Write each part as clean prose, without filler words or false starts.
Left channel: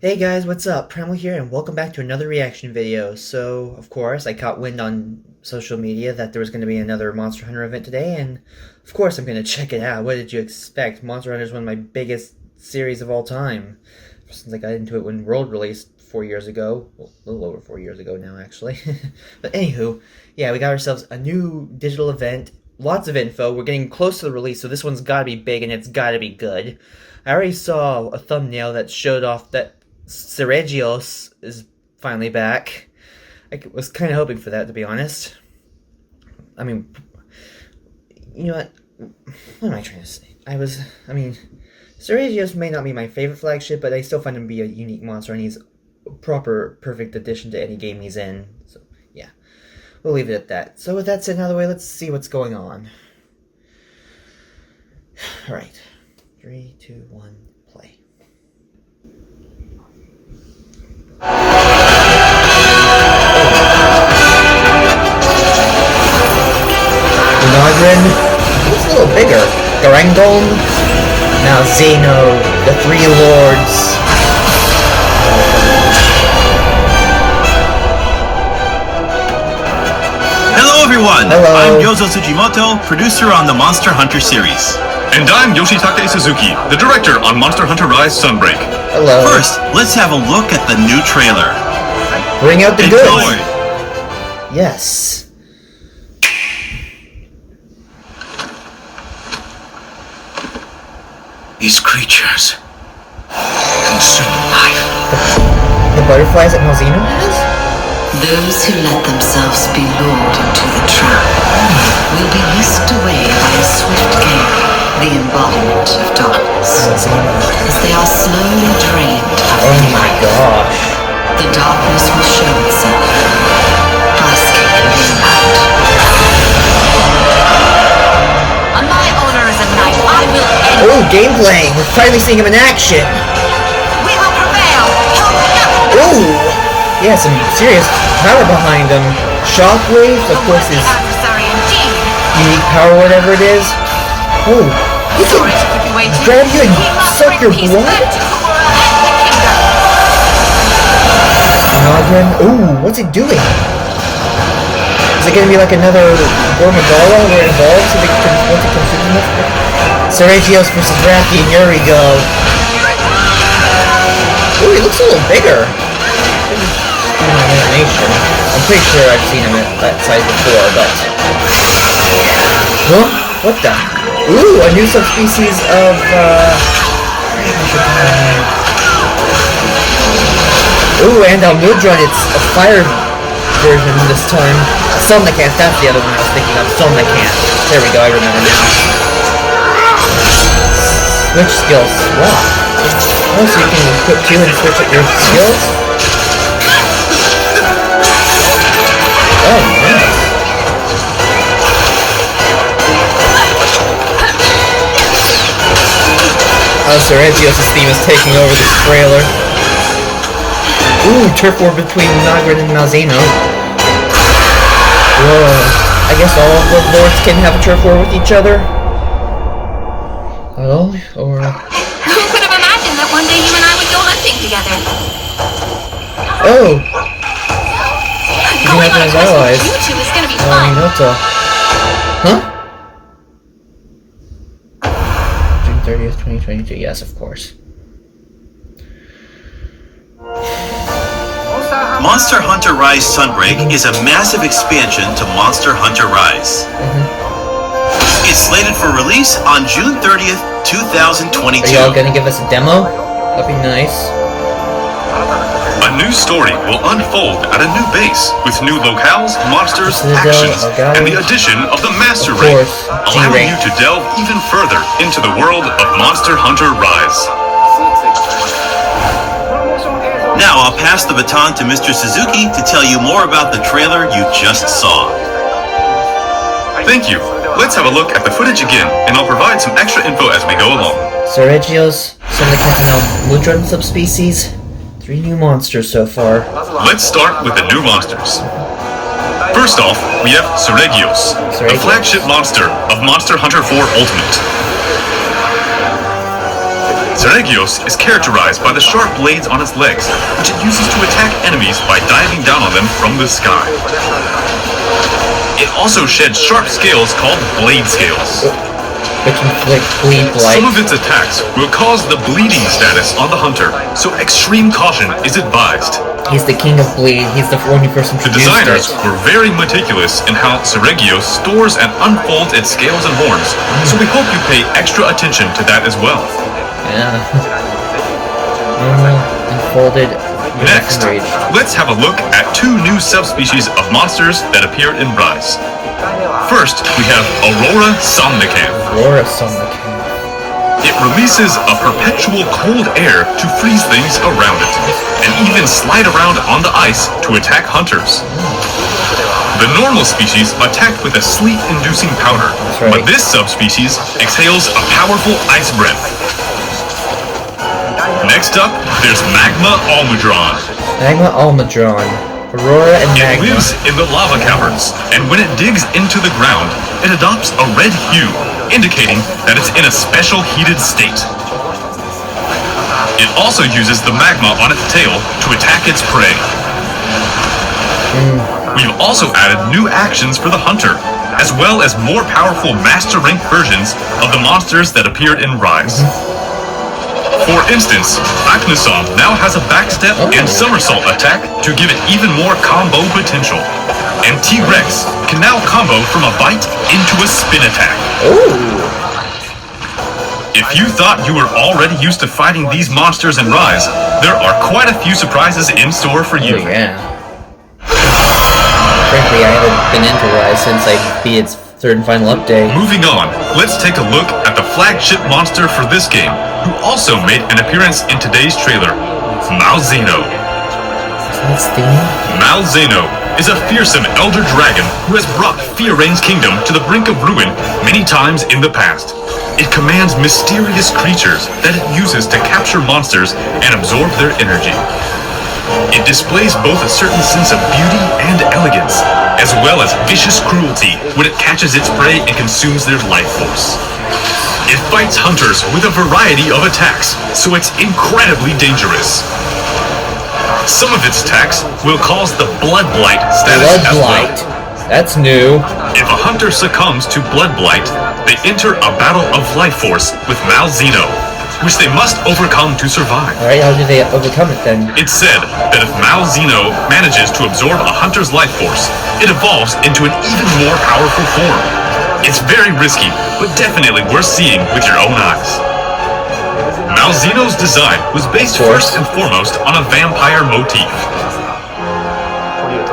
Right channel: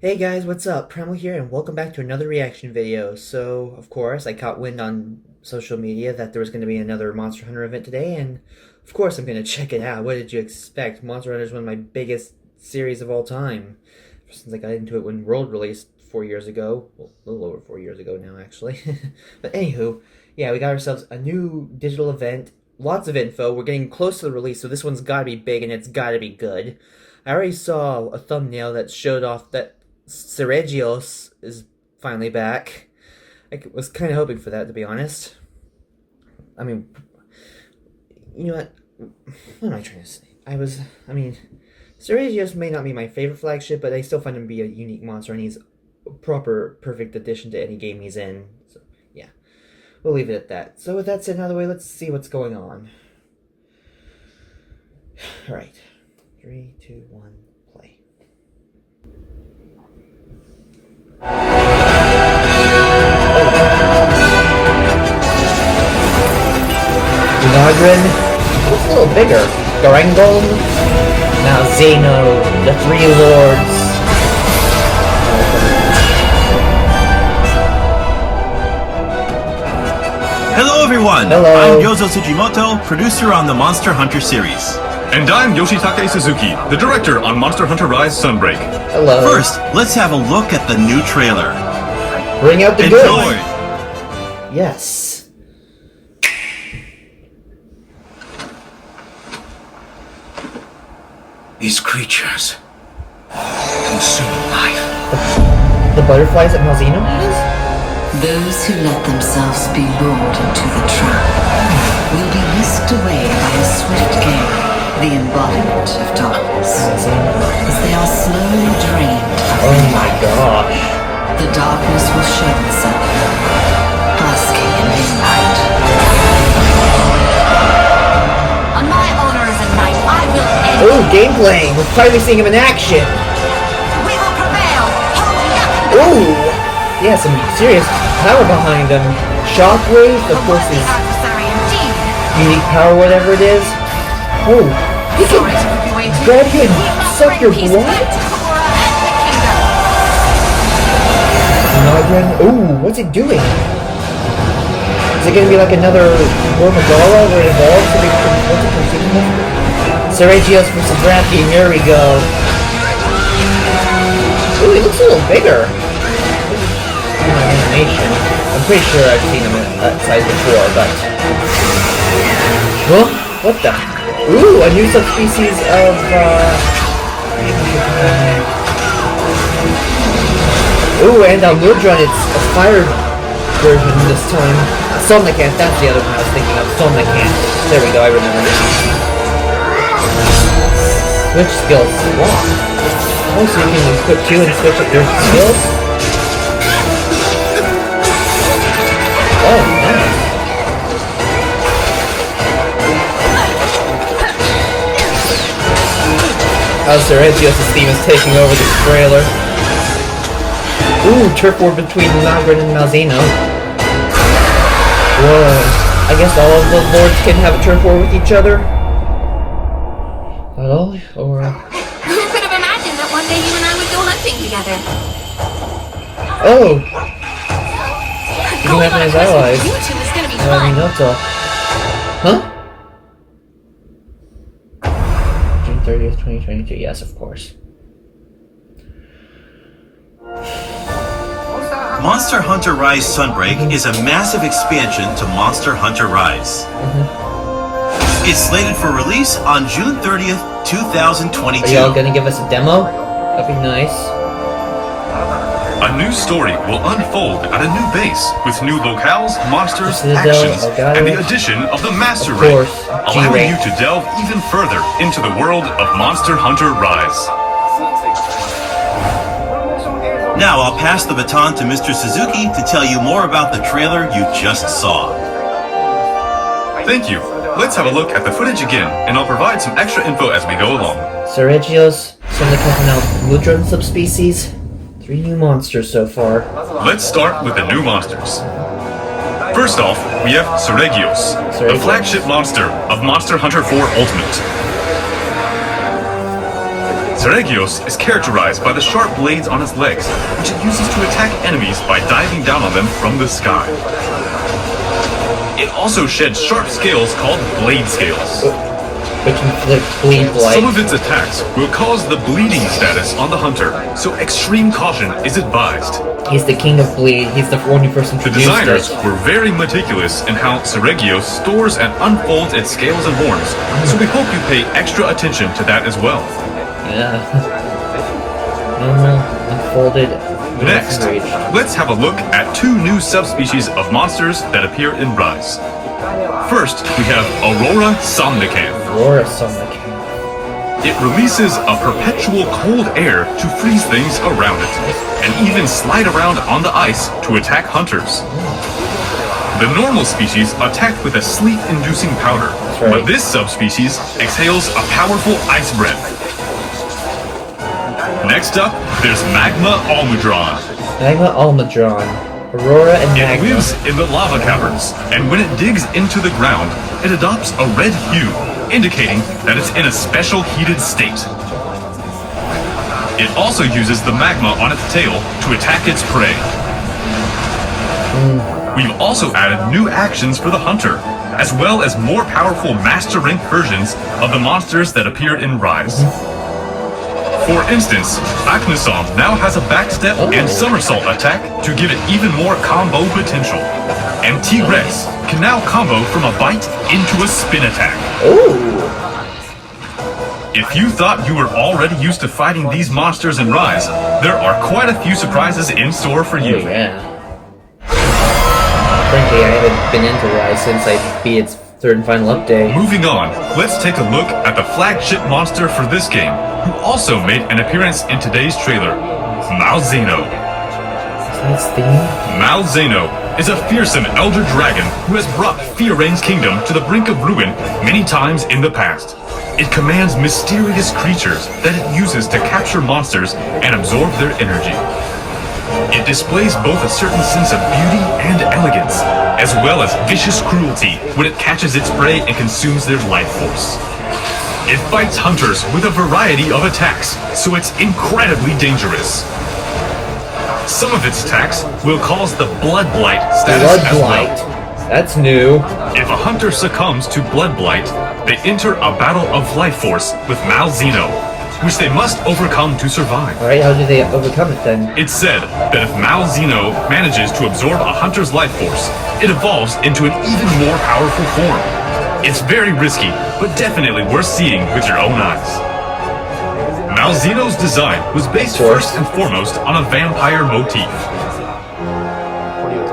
Hey guys, what's up? Primal here, and welcome back to another reaction video. So, of course, I caught wind on social media that there was going to be another Monster Hunter event today, and of course I'm going to check it out. What did you expect? Monster Hunter is one of my biggest series of all time. Since I got into it when World released 4 years ago. Well, a little over 4 years ago now, actually. But anywho, yeah, we got ourselves a new digital event. Lots of info. We're getting close to the release, so this one's got to be big, and it's got to be good. I already saw a thumbnail that showed off that Seregios is finally back. I was kind of hoping for that, to be honest. I mean, you know what am I trying to say? Seregios may not be my favorite flagship, but I still find him to be a unique monster, and he's a proper, perfect addition to any game he's in. So, yeah. We'll leave it at that. So with that said out of the way, let's see what's going on. Alright. 3, 2, 1, play. Nogrin looks a little bigger. Garangolm, now Zeno, the Three Lords. Hello everyone! Hello. I'm Yozo Tsujimoto, producer on the Monster Hunter series. And I'm Yoshitake Suzuki, the director on Monster Hunter Rise Sunbreak. Hello. First, let's have a look at the new trailer. Bring out the Enjoy! goods. Yes. These creatures consume life. The butterflies that Malzeno has? Those who let themselves be lured into the trap will be whisked away by a swift gale, the embodiment of darkness. As they are slowly drained of Oh their my life, gosh. the darkness will show itself, basking in moonlight. On my honor as a knight, I will end. Ooh, gameplay! We're finally seeing him in action! We will prevail. Ooh! Yeah, some serious power behind him. Shockwave, of A course, worthy his adversary indeed. unique power, whatever it is. Oh, he Sorry can to keep you waiting. grab you and We must suck bring your peace blood? back to Kura and the kingdom. Nogrin. Ooh, what's it doing? Is it gonna be like another Gormagala where it evolves and once it consumes them? Seregios versus Drafty, and here we go. Ooh, he looks a little bigger. My imagination. I'm pretty sure I've seen him at that size before, but... Huh? What the? Ooh, a new subspecies of, Ooh, and Mudron, it's a fire version this time. Somnicant, that's the other one I was thinking of. Somnicant. There we go, I remember now. Switch skills. Swap. Oh, so you can equip two and switch your skills? Oh, nice. Oh, Seregios' theme is taking over this trailer. Ooh, turf war between Nogrin and Malzeno. Whoa. I guess all of the lords can have a turf war with each other? Hello? Or... Who could have imagined that one day you and I would go hunting together? Oh! You can Going have on him a as quest with allies. you two is gonna be Well, I mean, fun. that's all. Huh? June 30th, 2022. Yes, of course. Monster Hunter Rise Sunbreak is a massive expansion to Monster Hunter Rise. It's slated for release on June 30th, Are 2022. y'all gonna give us a demo? That'd be nice. A new story will unfold at a new base, with new locales, monsters, Citadel, actions, Elgato. and the addition of the Master Of Ring, course, allowing G-Rank. you to delve even further into the world of Monster Hunter Rise. Now I'll pass the baton to Mr. Suzuki to tell you more about the trailer you just saw. Thank you. Let's have a look at the footage again, and I'll provide some extra info as we go along. Seregios, Somnicant, and Mudron subspecies. 3 new monsters so far. Let's start with the new monsters. First off, we have Seregios, the flagship monster of Monster Hunter 4 Ultimate. Seregios is characterized by the sharp blades on its legs, which it uses to attack enemies by diving down on them from the sky. It also sheds sharp scales called blade scales. Which inflict bleed like. Some of its attacks will cause the bleeding status on the hunter, so extreme caution is advised. He's the king of bleed. He's the only person The to use designers it. were very meticulous in how Seregios stores and unfolds its scales and horns, so we hope you pay extra attention to that as well. Yeah. Normal, unfolded, Next, rage. let's have a look at two new subspecies of monsters that appear in Rise. First, we have Aurora Somnicanth. Aurora Somnicanth. It releases a perpetual cold air to freeze things around it, and even slide around on the ice to attack hunters. The normal species attacked with a sleep-inducing powder, right. but this subspecies exhales a powerful ice breath. Next up, there's Magma Almudron. Magma Almudron. Aurora and It Magma. lives in the lava caverns, and when it digs into the ground, it adopts a red hue, indicating that it's in a special heated state. It also uses the magma on its tail to attack its prey. We've also added new actions for the hunter, as well as more powerful master rank versions of the monsters that appeared in Rise. For instance, Aknosom now has a backstep and somersault attack to give it even more combo potential. And T-Rex can now combo from a bite into a spin attack. If you thought you were already used to fighting these monsters in Rise, there are quite a few surprises in store for you. Oh, yeah. Frankly, I haven't been into Rise since I beat its third and final update. Moving on, let's take a look at the flagship monster for this game, who also made an appearance in today's trailer, Malzeno. That's the Malzeno is a fearsome elder dragon who has brought Fioraine's kingdom to the brink of ruin many times in the past. It commands mysterious creatures that it uses to capture monsters and absorb their energy. It displays both a certain sense of beauty and elegance, as well as vicious cruelty when it catches its prey and consumes their life force. It fights hunters with a variety of attacks, so it's incredibly dangerous. Some of its attacks will cause the Blood Blight status Blood as well. Blight. That's new. If a hunter succumbs to Blood Blight, they enter a battle of life force with Malzeno, which they must overcome to survive. Alright, how do they overcome it then? It's said that if Malzeno manages to absorb a hunter's life force, it evolves into an even more powerful form. It's very risky, but definitely worth seeing with your own eyes. Malzeno's design was based first and foremost on a vampire motif.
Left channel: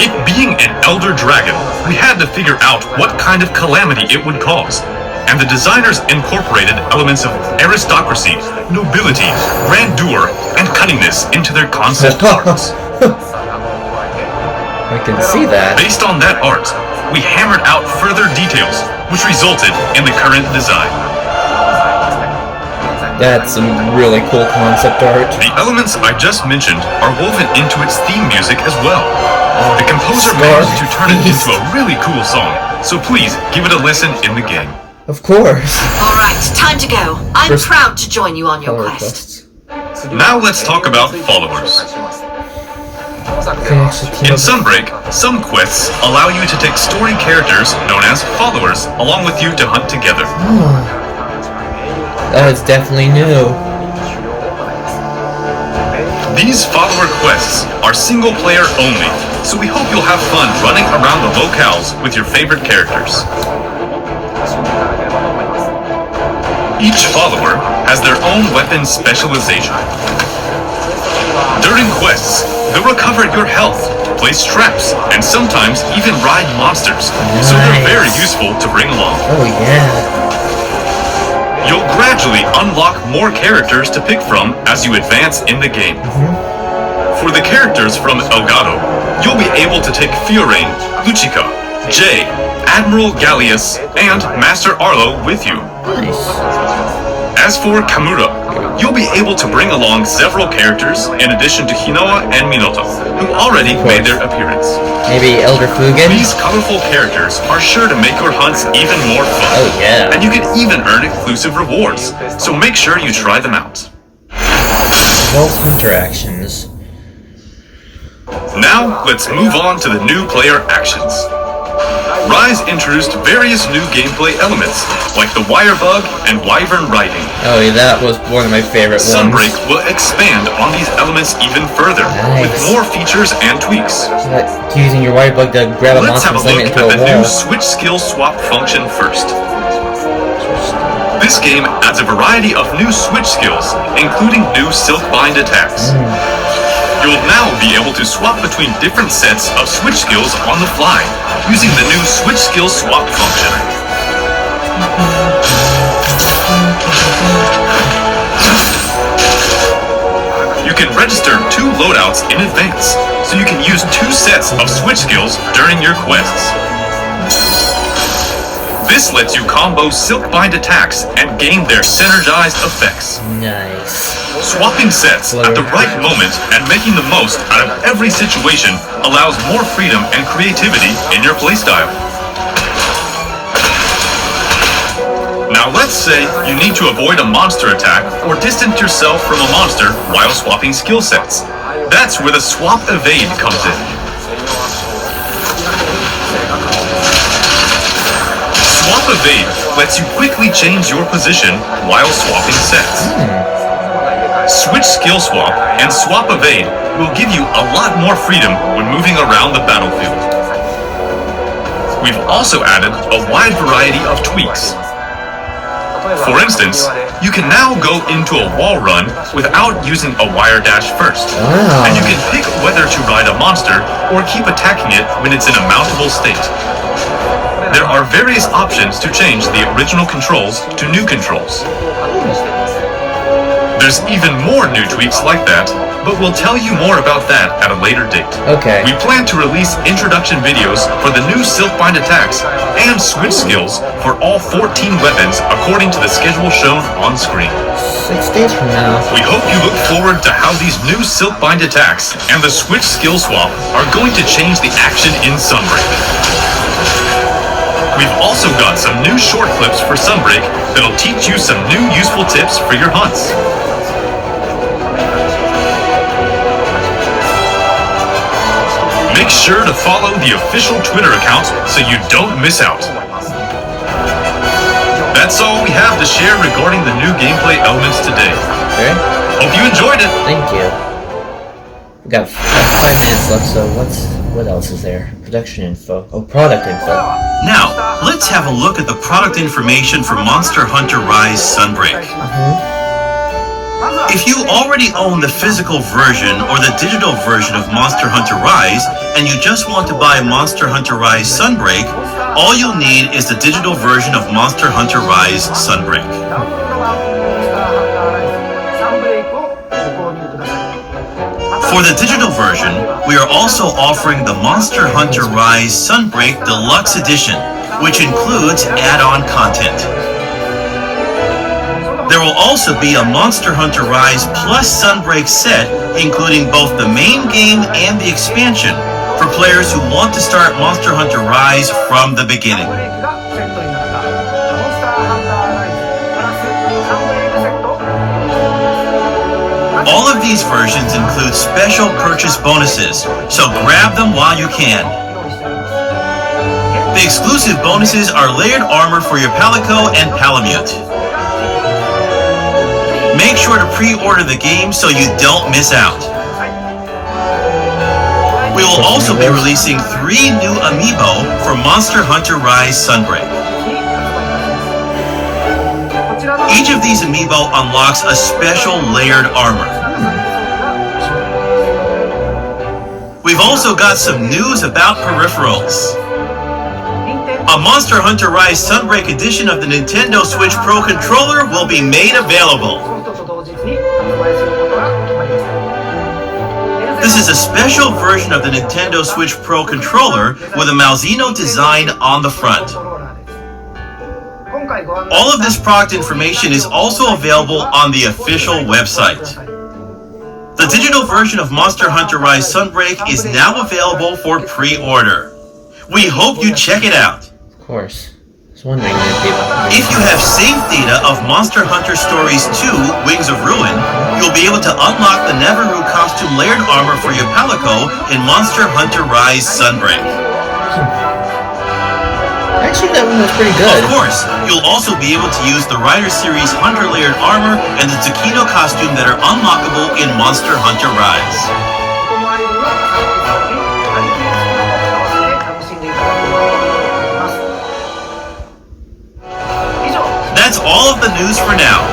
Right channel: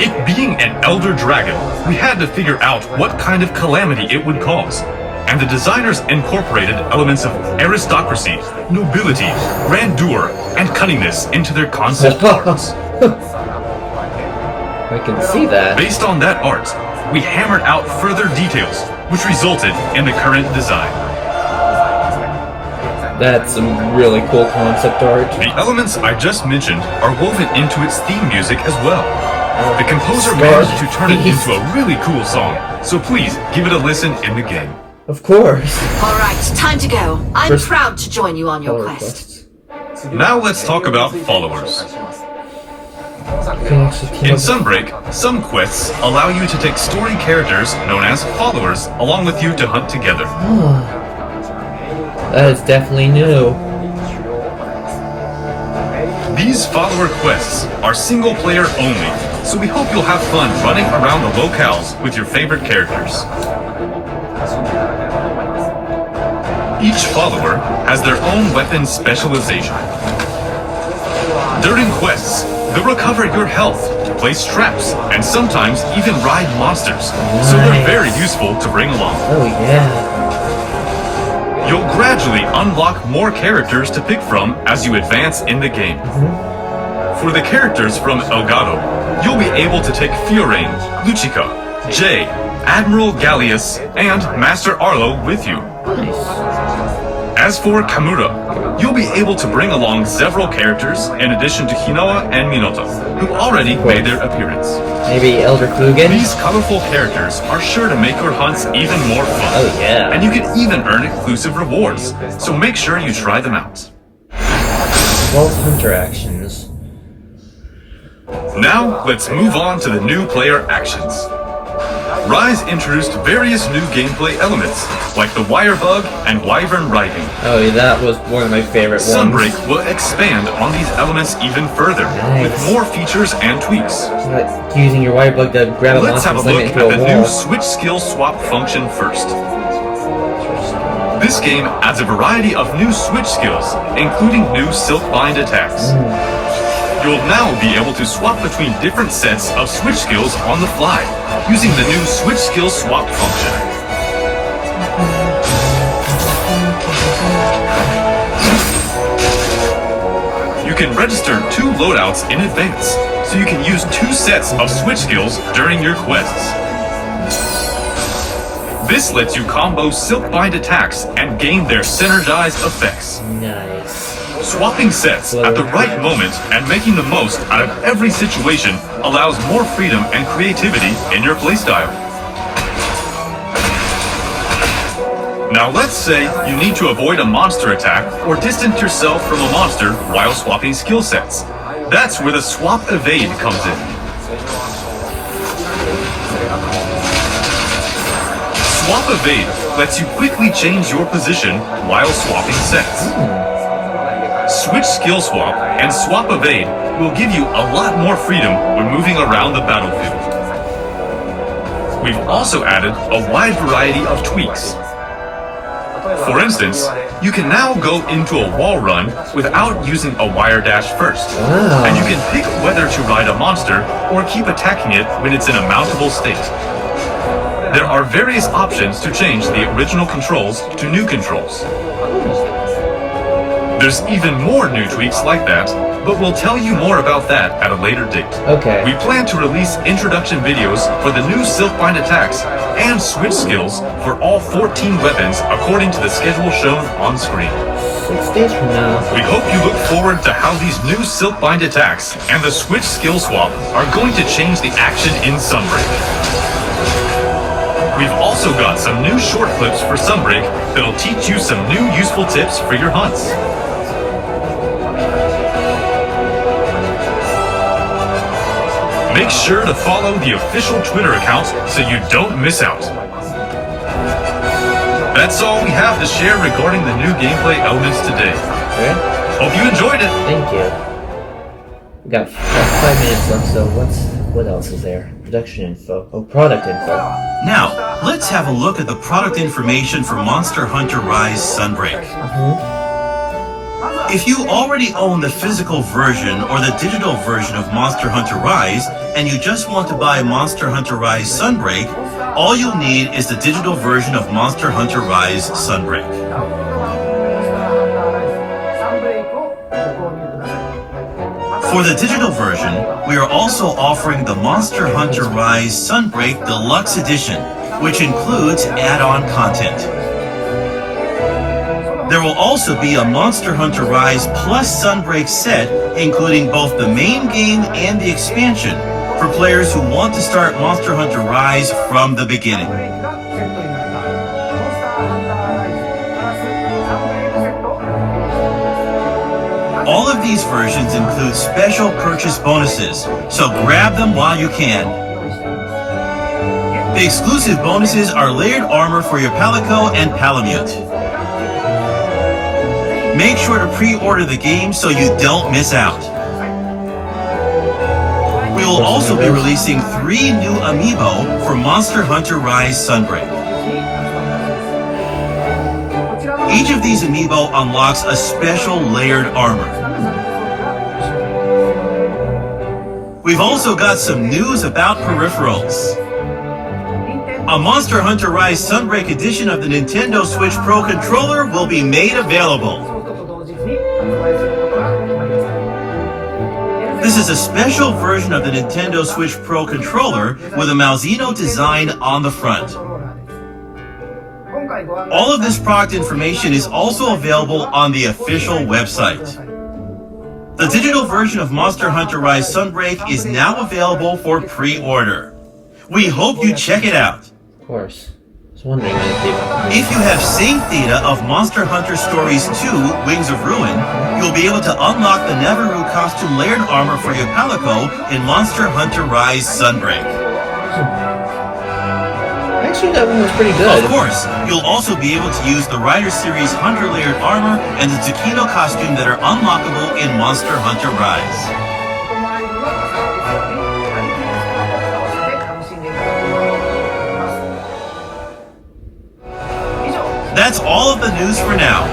It being an elder dragon, we had to figure out what kind of calamity it would cause, and the designers incorporated elements of aristocracy, nobility, grandeur, and cunningness into their concept arts. I can see that. Based on that art, we hammered out further details, which resulted in the current design. That's some really cool concept art. The elements I just mentioned are woven into its theme music as well. The composer Star managed to turn it Beast. into a really cool song, so please give it a listen in the game. Of course. All right, time to go. I'm First- proud to join you on your Color quest. quests. Now let's talk about followers. Okay, actually team In up- Sunbreak, some quests allow you to take story characters known as followers along with you to hunt together. That is definitely new. These follower quests are single player only, so we hope you'll have fun running around the locales with your favorite characters. Each follower has their own weapon specialization. During quests, they'll recover your health, place traps, and sometimes even ride monsters, so they're very useful to bring along. Oh yeah. You'll gradually unlock more characters to pick from as you advance in the game. For the characters from Elgato, you'll be able to take Fioraine, Lucica, Jay, Admiral Gallius, and Master Arlo with you. Nice. As for Kamura, you'll be able to bring along several characters in addition to Hinoa and Minota, who already made their appearance. Maybe Elder Flugen? These colorful characters are sure to make your hunts even more fun. Oh yeah. And you can even earn exclusive rewards, so make sure you try them out. Vault Hunter actions. Now, let's move on to the new player actions. Rise introduced various new gameplay elements, like the wire bug and wyvern riding. Oh, yeah, that was one of my favorite ones. Sunbreak will expand on these elements even further, with more features and tweaks. It's like using your wire bug to grab a Let's monster have a and slam look it at into a the wall. new switch skill swap function first. This game adds a variety of new switch skills, including new silk-bind attacks. You'll now be able to swap between different sets of switch skills on the fly, using the new switch skill swap function. You can register 2 loadouts in advance, so you can use 2 sets of switch skills during your quests. This lets you combo silk-bind attacks and gain their synergized effects. Nice. Swapping sets at the right moment and making the most out of every situation allows more freedom and creativity in your playstyle. Now let's say you need to avoid a monster attack or distance yourself from a monster while swapping skill sets. That's where the swap evade comes in. Swap evade lets you quickly change your position while swapping sets. Switch skill swap and swap evade will give you a lot more freedom when moving around the battlefield. We've also added a wide variety of tweaks. For instance, you can now go into a wall run without using a wire dash first. Wow. And you can pick whether to ride a monster or keep attacking it when it's in a mountable state. There are various options to change the original controls to new controls. There's even more new tweaks like that, but we'll tell you more about that at a later date. Okay. We plan to release introduction videos for the new silk-bind attacks and switch skills for all 14 weapons according to the schedule shown on screen. 6 days from now. We hope you look forward to how these new silk-bind attacks and the switch skill swap are going to change the action in Sunbreak. We've also got some new short clips for Sunbreak that'll teach you some new useful tips for your hunts. Make sure to follow the official Twitter account so you don't miss out. That's all we have to share regarding the new gameplay elements today. Okay. Hope you enjoyed it. Thank you. We got 5 minutes left, so what else is there? Production info. Oh, product info. Now, let's have a look at the product information for Monster Hunter Rise Sunbreak. If you already own the physical version or the digital version of Monster Hunter Rise, and you just want to buy Monster Hunter Rise Sunbreak, all you'll need is the digital version of Monster Hunter Rise Sunbreak. For the digital version, we are also offering the Monster Hunter Rise Sunbreak Deluxe Edition, which includes add-on content. There will also be a Monster Hunter Rise Plus Sunbreak set, including both the main game and the expansion, for players who want to start Monster Hunter Rise from the beginning. All of these versions include special purchase bonuses, so grab them while you can. The exclusive bonuses are layered armor for your Palico and Palamute. Make sure to pre-order the game so you don't miss out. We will also be releasing 3 new amiibo for Monster Hunter Rise Sunbreak. Each of these amiibo unlocks a special layered armor. We've also got some news about peripherals. A Monster Hunter Rise Sunbreak edition of the Nintendo Switch Pro controller will be made available. This is a special version of the Nintendo Switch Pro controller with a Malzino design on the front. All of this product information is also available on the official website. The digital version of Monster Hunter Rise Sunbreak is now available for pre-order. We hope you check it out. Of course. was wondering if people... If you have saved data of Monster Hunter Stories 2, Wings of Ruin, you'll be able to unlock the Neveru costume layered armor for your Palico in Monster Hunter Rise Sunbreak. Actually, that one was pretty good. Of course, you'll also be able to use the Rider Series Hunter layered armor and the Tsukino costume that are unlockable in Monster Hunter Rise. That's all of the news for now.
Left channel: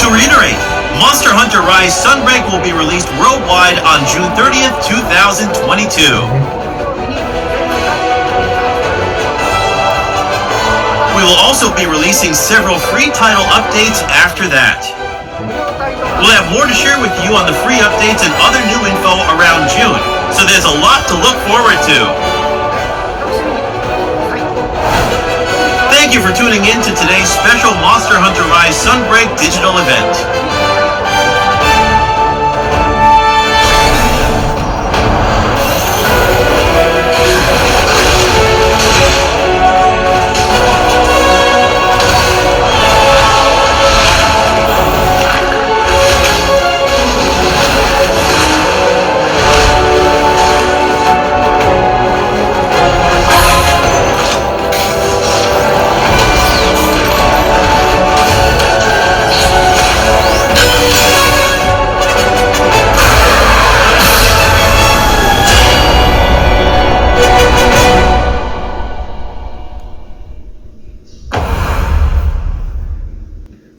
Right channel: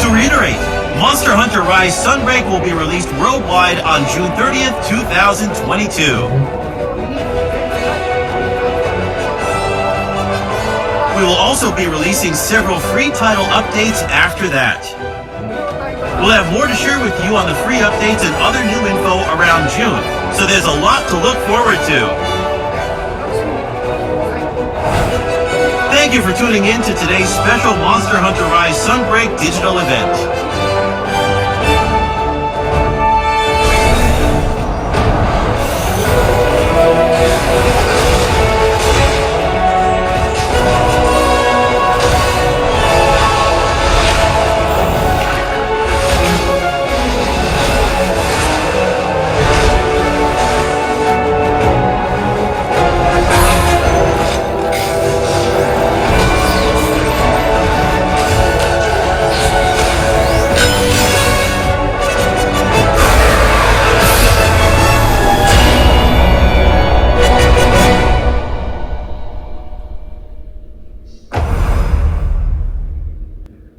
To reiterate, Monster Hunter Rise Sunbreak will be released worldwide on June 30th, 2022. We will also be releasing several free title updates after that. We'll have more to share with you on the free updates and other new info around June, so there's a lot to look forward to. Thank you for tuning in to today's special Monster Hunter Rise Sunbreak digital event.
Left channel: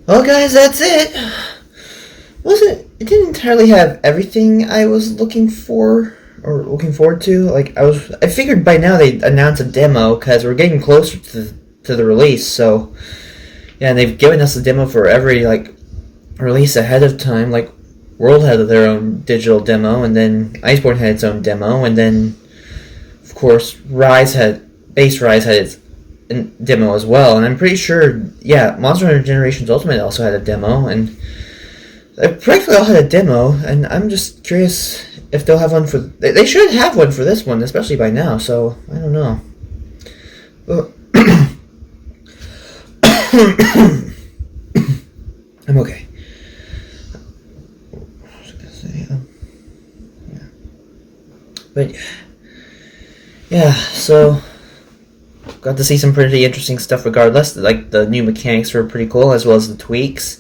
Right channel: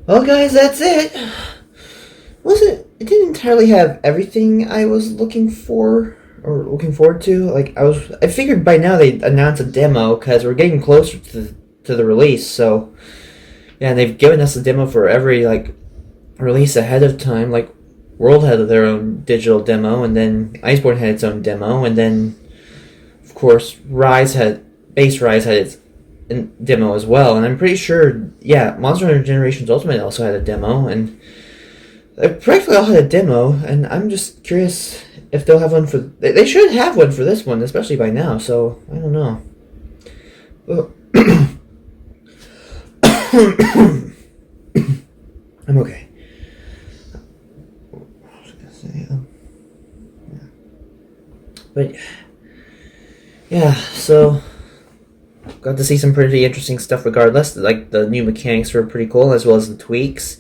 Well, guys, that's it. It didn't entirely have everything I was looking for or looking forward to. Like I figured by now they'd announce a demo because we're getting closer to the release. So yeah, and they've given us a demo for every release ahead of time. Like World had their own digital demo, and then Iceborne had its own demo, and then of course Base Rise had its demo as well, and I'm pretty sure, yeah, Monster Hunter Generations Ultimate also had a demo, and they practically all had a demo, and I'm just curious if they'll have one for... They should have one for this one, especially by now, so I don't know. I'm okay. What was I gonna say? Yeah. But, yeah, so... Got to see some pretty interesting stuff regardless. Like, the new mechanics were pretty cool, as well as the tweaks.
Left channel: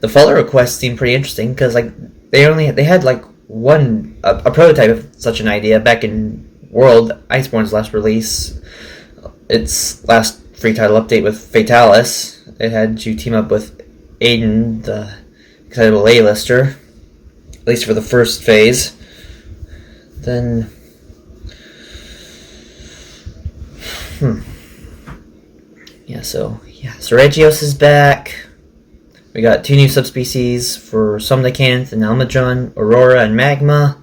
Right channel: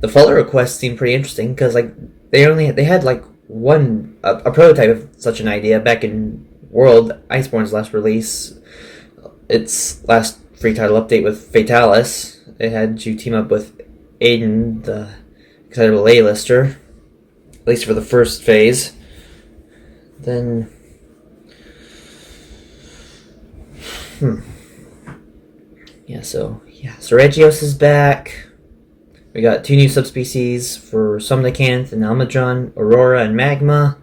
The follow requests seemed pretty interesting, because, like, they had, like, a prototype of such an idea back in World, Iceborne's last release. Its last free title update with Fatalis. It had you team up with Aiden, the excitable A-lister, at least for the first phase. Then... Yeah, so Regios is back. We got 2 new subspecies for Somnicanth and Almadron, Aurora and Magma.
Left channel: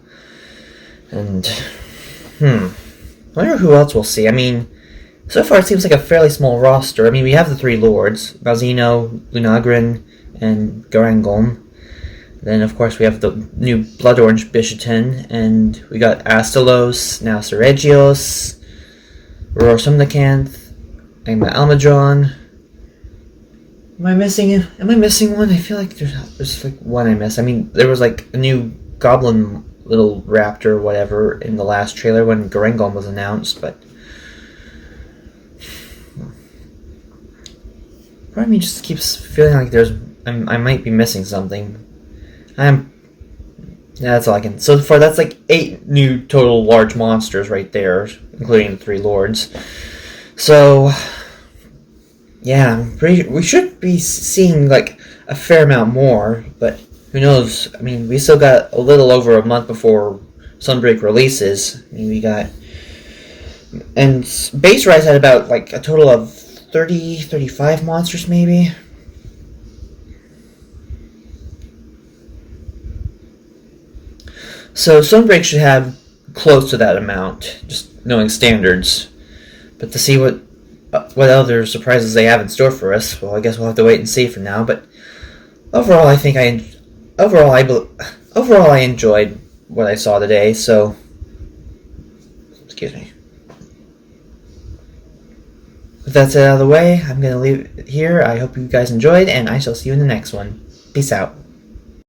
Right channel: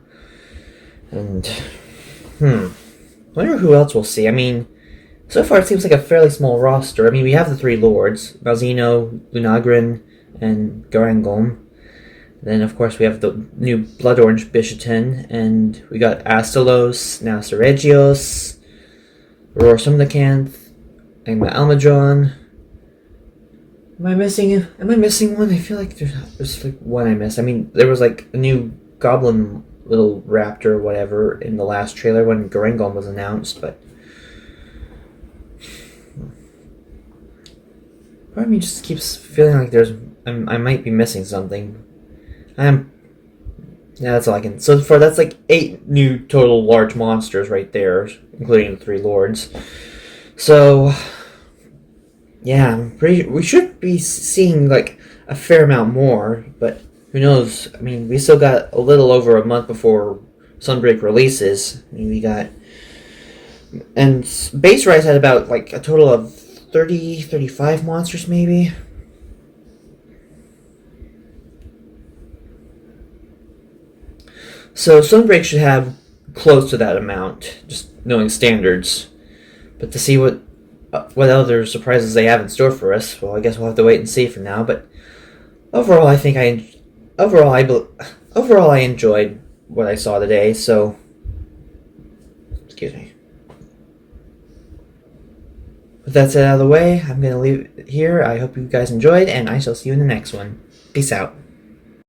And, I wonder who else we'll see. I mean, so far it seems like a fairly small roster. I mean, we have the 3 lords, Malzeno, Lunagrin, and Garangolm. Then, of course, we have the new Blood Orange Bishaten, and we got Astalos, now Regios, Aurora Somnicanth, and Almadron. Am I missing one? I feel like there's like one I missed. I mean, there was like a new goblin little raptor or whatever in the last trailer when Garangolm was announced, but part of me just keeps feeling like I might be missing something. That's all I can. So far, that's like 8 new total large monsters right there, including the 3 lords. So, yeah, we should be seeing like a fair amount more, but who knows? I mean, we still got a little over a month before Sunbreak releases. I mean, and Base Rise had about like a total of 35 monsters maybe. So Sunbreak should have close to that amount, just knowing standards. But to see what other surprises they have in store for us, well, I guess we'll have to wait and see for now. But overall, I think I enjoyed what I saw today. So, excuse me. with that said out of the way, I'm going to leave it here. I hope you guys enjoyed, and I shall see you in the next one. Peace out.